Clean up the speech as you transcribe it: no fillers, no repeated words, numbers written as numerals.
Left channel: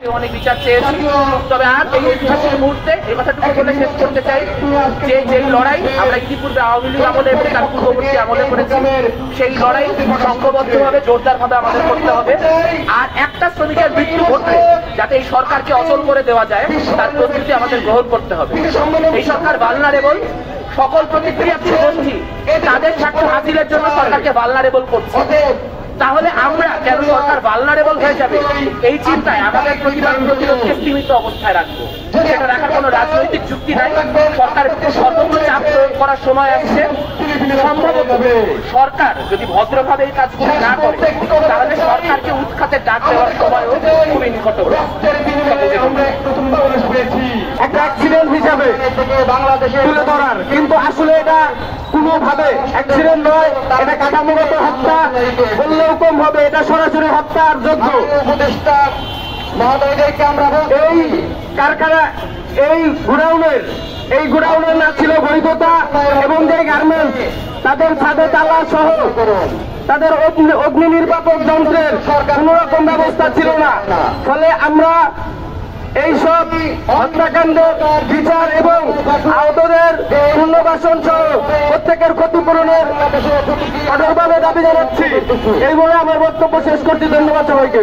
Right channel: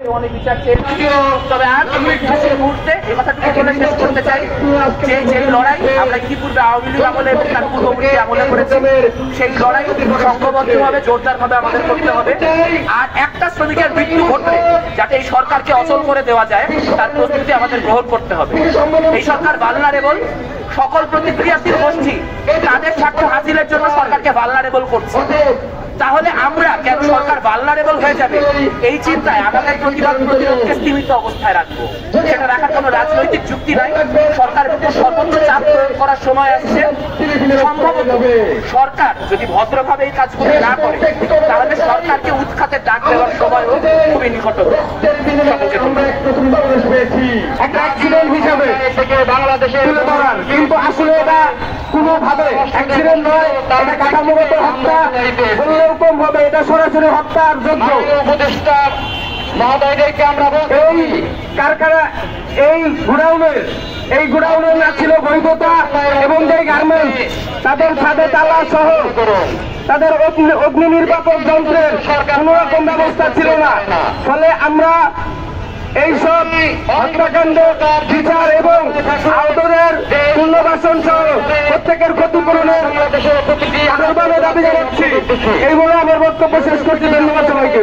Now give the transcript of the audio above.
অনেক বিচার চেয়েছি, তবে আর এই ঐতিহাসিক মুহূর্তে এই কথাটুকু বলে শেষ করতে চাই যে যেই লড়াই আমরা ইতিপূর্বে আওয়ামী লীগ আমলে এবং তার পূর্ববর্তী আমলে করেছি, সেই লড়াই সংঘবদ্ধভাবে জোরদারভাবে আমাদের করতে হবে। আর একটা শ্রমিকের মৃত্যু ঘটলে যাতে এই সরকারকে অচল করে দেওয়া যায় তার প্রস্তুতি আমাদের গ্রহণ করতে হবে। এই সরকার ভালনারেবল, সকল প্রতিক্রিয়াশীল গোষ্ঠী তাদের স্বার্থ হাসিলের জন্য সরকারকে ভালনারেবল করছে। তাহলে আমরা কেন সরকার ভালনারেবল হয়ে যাবে এই চিন্তায় আমাদের প্রতিবাদ প্রতিরোধকে সীমিত অবস্থায় রাখবো, সেটা রাখার কোনো রাজনৈতিক যুক্তি নাই। সরকারের উপর সর্বোচ্চ চাপ প্রয়োগ করার সময় আসছে। সম্ভবত সরকার যদি ভদ্রভাবে এই কাজগুলো না করে তাহলে সরকারকে উৎখাতের ডাক দেওয়ার সময়ও খুবই নিকট হবে। কিন্তু আসলে এটা কোনোভাবে অ্যাক্সিডেন্ট নয়, এটা কাঠামোগত হত্যা বললেও কম হবে। এটা সরাসরি হত্যার যোগ্য। এই কারখানা, এই গোডাউনের না ছিল বৈধতা এবং যে গার্মেন্টস তাদের ছাদে তালা সহ তাদের অগ্নি নির্বাপক যন্ত্রের কোন রকম ব্যবস্থা ছিল না। ফলে আমরা এইসব হত্যাকাণ্ডের বিচার এবং আহতদের পুনর্বাসন সহ প্রত্যেকের ক্ষতিপূরণের কঠোরভাবে দাবি জানাচ্ছি। এই বলে আমার বক্তব্য শেষ করছি। ধন্যবাদ সবাইকে।